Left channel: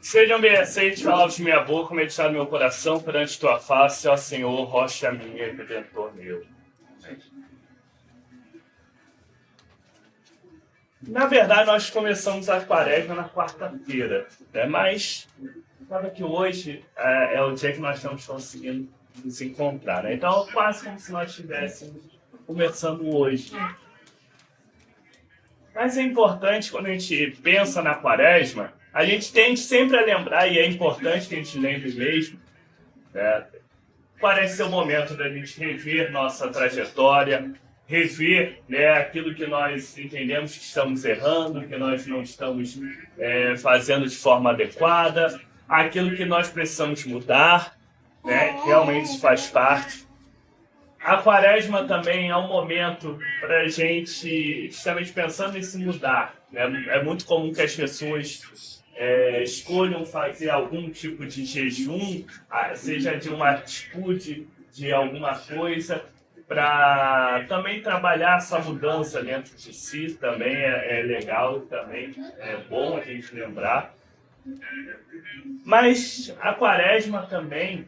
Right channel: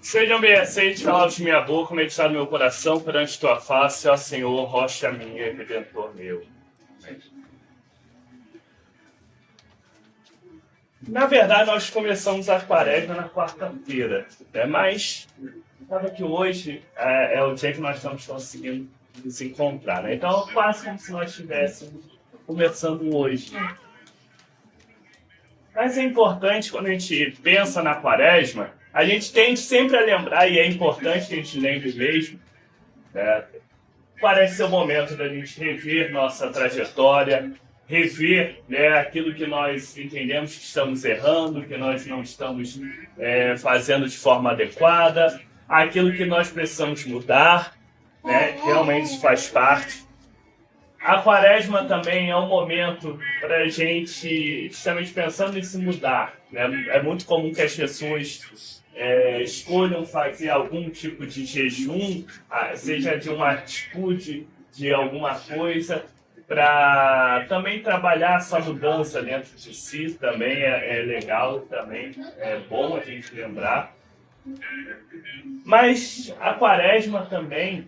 Sejam bem aceitos, palavras de minha boca, meditar no meu coração perante tua face, ó Senhor, rocha minha e redentor meu. Amém. Na verdade, nós começamos a quaresma na quarta-feira, né? Mas sabe que hoje é o dia que nós estamos conseguindo nos encontrar, né? Então, quase como se nós estivéssemos começando hoje. Mas é importante, quando a gente pensa na quaresma, a gente tende sempre a lembrar, e é importante que a gente lembre mesmo, né? Parece ser o momento da gente rever nossa trajetória, rever, né, aquilo que nós entendemos que estamos errando, que nós não estamos fazendo de forma adequada, aquilo que nós precisamos mudar, né, realmente faz parte. A quaresma também é um momento para a gente, justamente pensando em se mudar, né? É muito comum que as pessoas escolham fazer algum tipo de jejum, seja de uma atitude, de alguma coisa, para também trabalhar essa mudança dentro de si, também é legal, também é bom a gente lembrar. Mas a quaresma também,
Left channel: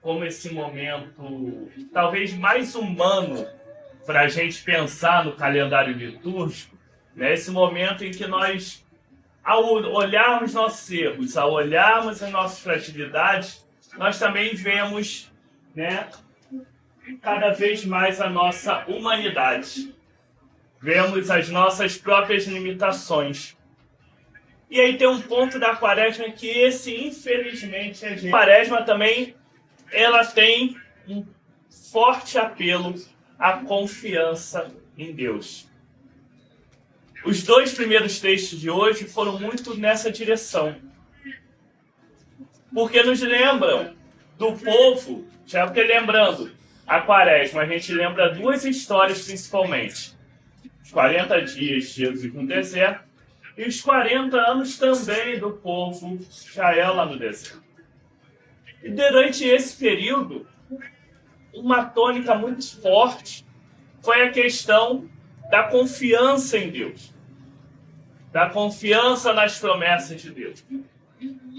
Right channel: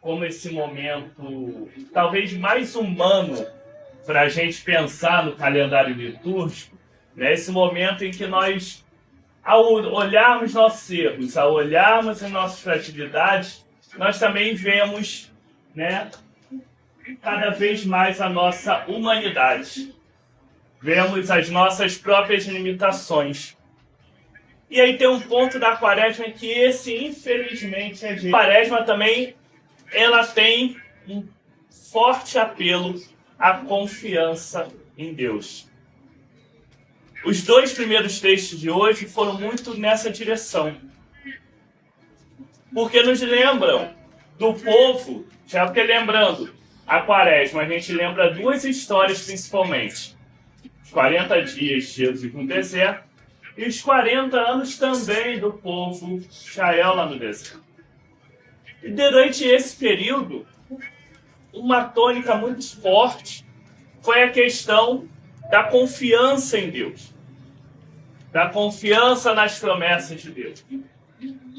como esse momento talvez mais humano para a gente pensar no calendário litúrgico, né? Esse momento em que nós, ao olharmos nossos erros, ao olharmos as nossas fragilidades, nós também vemos, né, cada vez mais a nossa humanidade. Vemos as nossas próprias limitações. E aí tem um ponto da quaresma que esse, infelizmente, é a quaresma também ela tem um forte apelo à confiança em Deus. Os dois primeiros textos de hoje foram muito nessa direção. Porque nos lembram do povo, já porque lembrando, a quaresma, a gente lembra duas histórias principalmente. Os 40 dias de Jesus no deserto e os 40 anos também do povo de Israel lá no deserto. E durante esse período, uma tônica muito forte foi a questão da confiança em Deus, da confiança nas promessas de Deus.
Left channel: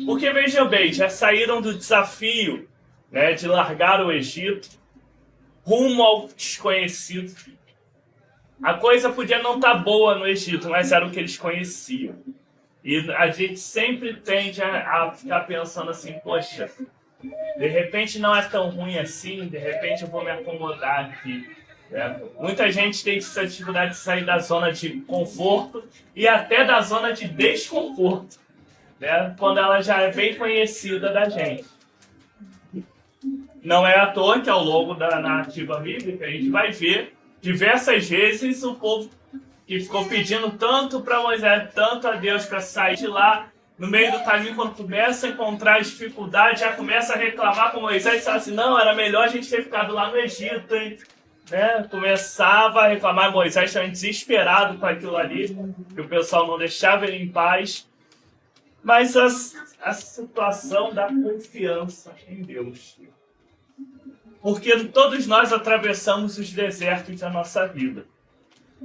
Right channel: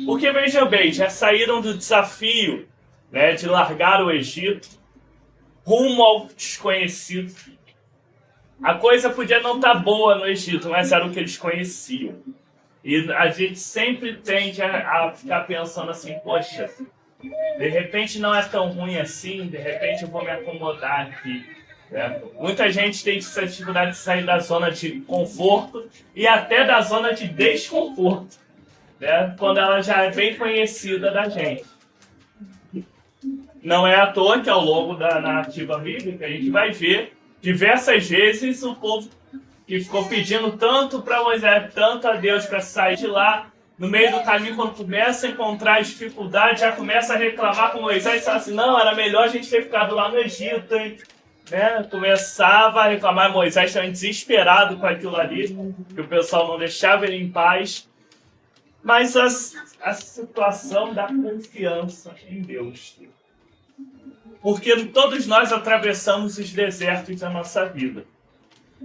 Porque, vejam bem, já saíram do desafio, né, de largar o Egito rumo ao desconhecido. A coisa podia não estar boa no Egito, mas era o que eles conheciam. E a gente sempre tende a ficar pensando assim, poxa, de repente não é tão ruim assim, de repente eu vou me acomodar aqui. Né? Muita gente tem essa dificuldade de sair da zona de conforto e até da zona de desconforto, né? Quando ela já é bem conhecida da gente. Não é à toa que ao longo da narrativa bíblica a gente vai ver diversas vezes o povo que ficou pedindo tanto para Moisés, tanto a Deus para sair de lá. No meio do caminho, quando começa a encontrar as dificuldades, já começa a reclamar com Moisés e fala assim, não, era melhor a gente ter ficado lá no Egito, hein? Né? Começava a reclamar, Moisés também desesperado com aquilo ali, que o pessoal não deixava ele em paz. Mas a situação da confiança em Deus. Porque todos nós atravessamos os desertos da nossa vida.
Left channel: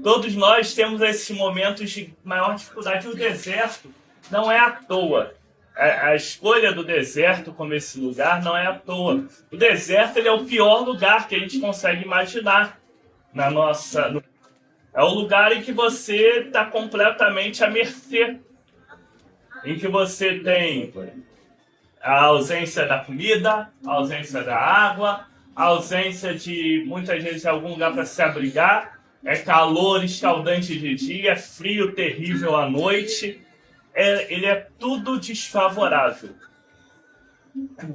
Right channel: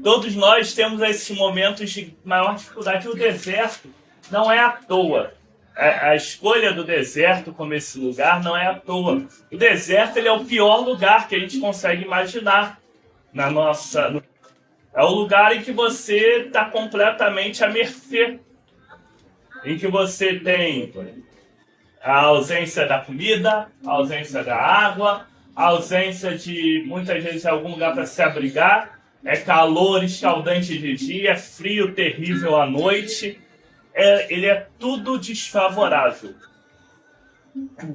Todos nós temos esses momentos de maior dificuldade. O deserto não é à toa. A escolha do deserto como esse lugar não é à toa. O deserto ele é o pior lugar que a gente consegue imaginar. É o lugar em que você está completamente à mercê. Em que você tem a ausência da comida, a ausência da água, a ausência de, muitas vezes, algum lugar para se abrigar. É calor escaldante de dia, é frio terrível à noite. Ele é tudo desfavorável.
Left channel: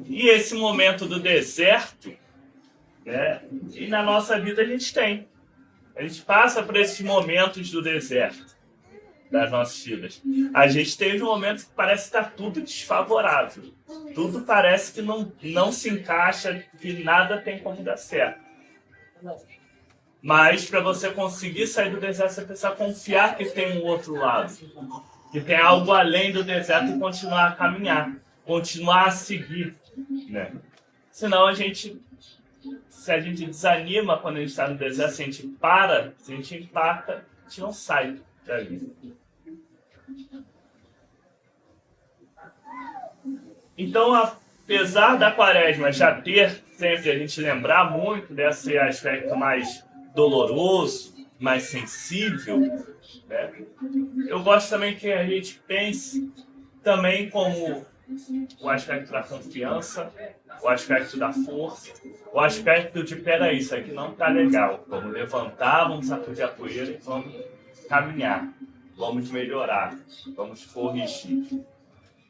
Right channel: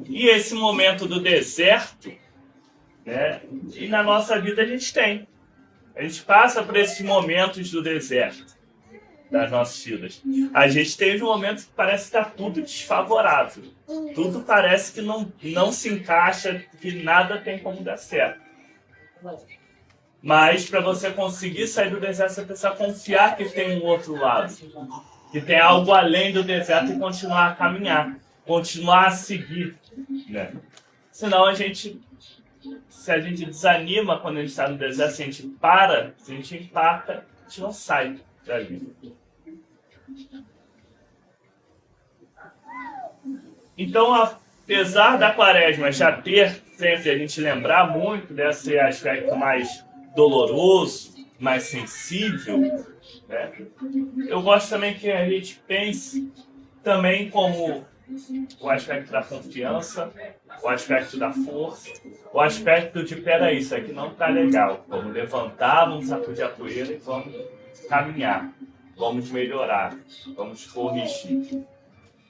E esse momento do deserto, né, e na nossa vida a gente tem. A gente passa por esses momentos do deserto das nossas vidas. A gente teve um momento que parece que está tudo desfavorável. Tudo parece que não se encaixa, que nada tem como dar certo. Mas para você conseguir sair do deserto, você precisa confiar que tem um outro lado. Que tem algo além do deserto e continuar a caminhar. Continuar a seguir. Né? Senão se a gente desanima quando a gente está no deserto, se a gente para, se a gente empaca, a gente não sai dali. Então, apesar da quaresma já ter sempre a gente lembrar muito desse aspecto mais doloroso, mais sensível, né? Eu gosto também que a gente pense também como o aspecto da confiança, o aspecto da força, o aspecto de, peraí, isso aqui não tá legal. Vamos levantar, vamos sacudir a poeira e vamos caminhar. Vamos melhorar, vamos corrigir.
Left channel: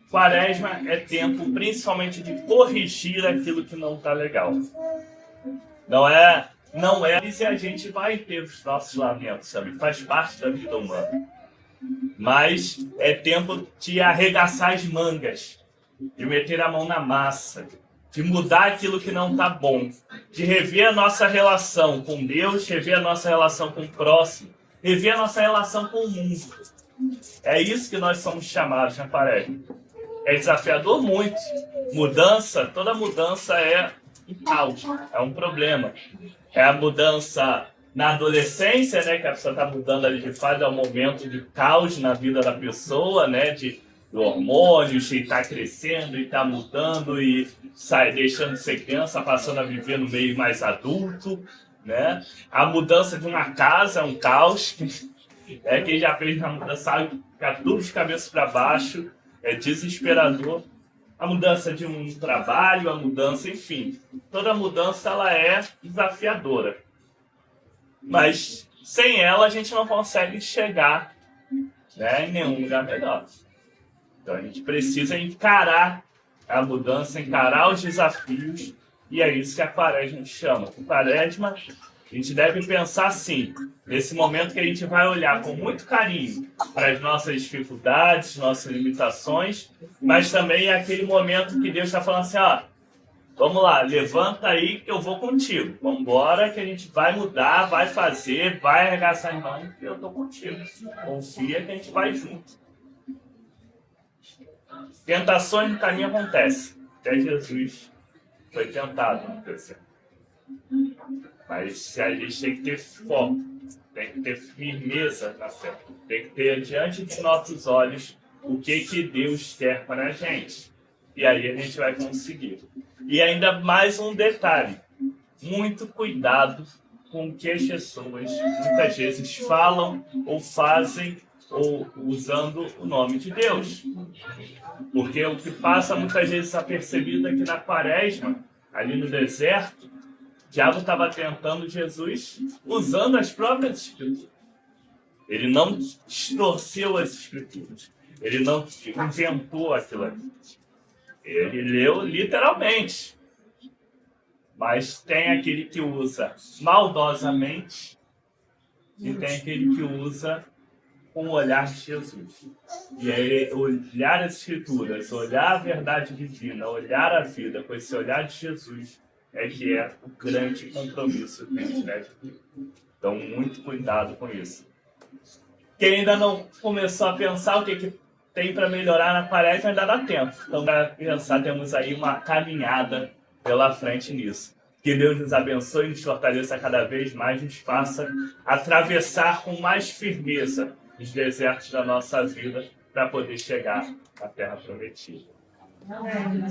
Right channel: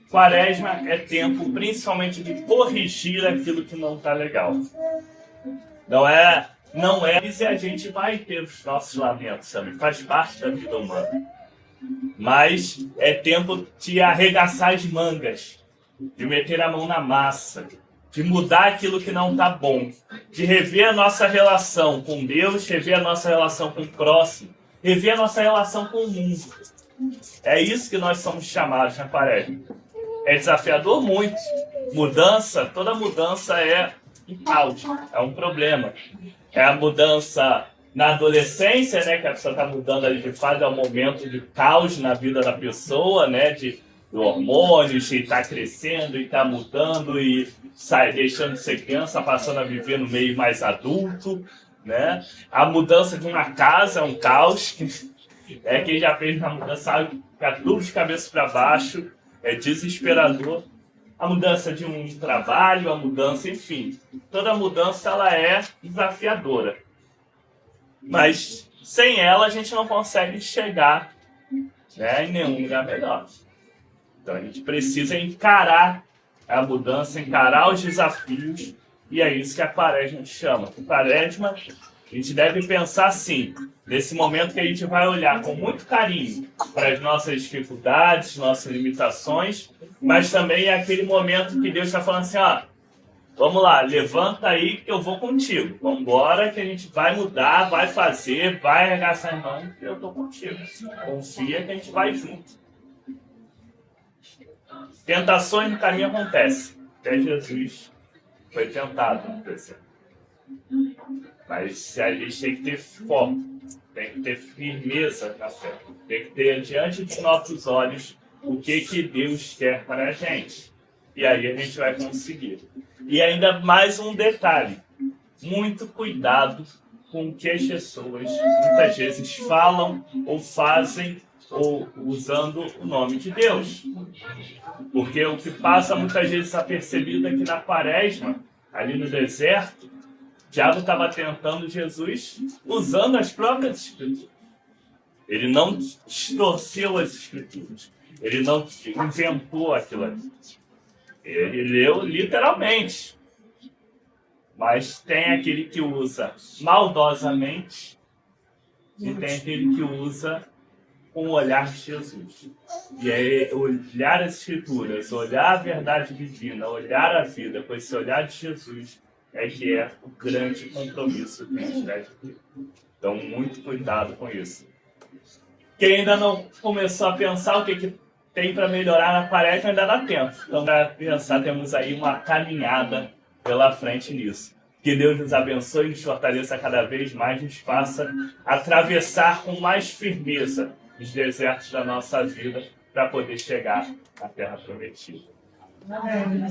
Quaresma é tempo principalmente de corrigir aquilo que não tá legal. Não é, e a gente vai ter os nossos lamentos, sabe? Faz parte da vida humana. Mas é tempo de arregaçar as mangas, de meter a mão na massa, de mudar aquilo que não está bom, de rever a nossa relação com Deus, rever a nossa relação com o próximo, rever a nossa relação com o mundo. É isso que nós somos chamados na quaresma. É desafiador muito. Mudança, toda mudança é um caos, é um problema. É a mudança na adolescência, né, que a pessoa está mudando ali de fase, é um momento de caos na vida da pessoa, né, de hormônios, e está crescendo, e está mudando, e sai deixando de ser criança, passando a viver no meio mais adulto, né? A mudança de uma casa é um caos. Quem já fez a mudança sabe, fica tudo de cabeça para baixo, é desesperador. A mudança de um trabalho, a mudança, enfim, toda mudança ela é desafiadora. Mas sem ela a gente não consegue chegar, né, em nenhum lugar melhor. Então a gente precisa encarar a mudança, encarar os desafios, e é isso que a quaresma chama. A quaresma, a gente deve pensar assim, nesse momento que a gente vai olhar com muito carinho para as nossas dificuldades, nossas limitações, mas também é aquele momento que Deus está falando assim, ó, vamos lá, levanta aí que eu vou contigo. Vamos embora que a gente vai mudar, vai fazer, vai arregaçar as mãos que eu estou contigo. Confia que a gente vai junto. Tentações no caminho acontecem. Até Jesus foi tentado no deserto. Mas a gente tem que ter foco, tem que ter firmeza na fé. Tem que ter diante dos nossos olhos o que Deus quer para a gente. E aí a gente vai conseguir. E ainda mais um detalhe. Muito cuidado com o que as pessoas muitas vezes falam ou fazem ou usando o nome de Deus. Porque o que passa muitas vezes apercebido é que na quaresma, ali no deserto, o diabo estava tentando Jesus usando as próprias escrituras. Ele não distorceu as escrituras. Ele não inventou aquilo ali. Ele leu literalmente. Mas tem aquele que usa maldosamente e tem aquele que usa com o olhar de Jesus. E aí, olhar as Escrituras, olhar a verdade divina, olhar a vida com esse olhar de Jesus é que é o grande compromisso que a gente deve ter. Então, muito cuidado com isso. Quem ainda não começou a pensar o que tem para melhorar na quaresma, ainda dá tempo. Então, para pensar, temos aí uma caminhada pela frente nisso. Que Deus nos abençoe e nos fortaleça cada vez mais, nos faça atravessar com mais firmeza os desertos da nossa vida para poder chegar à Terra Prometida. Amém.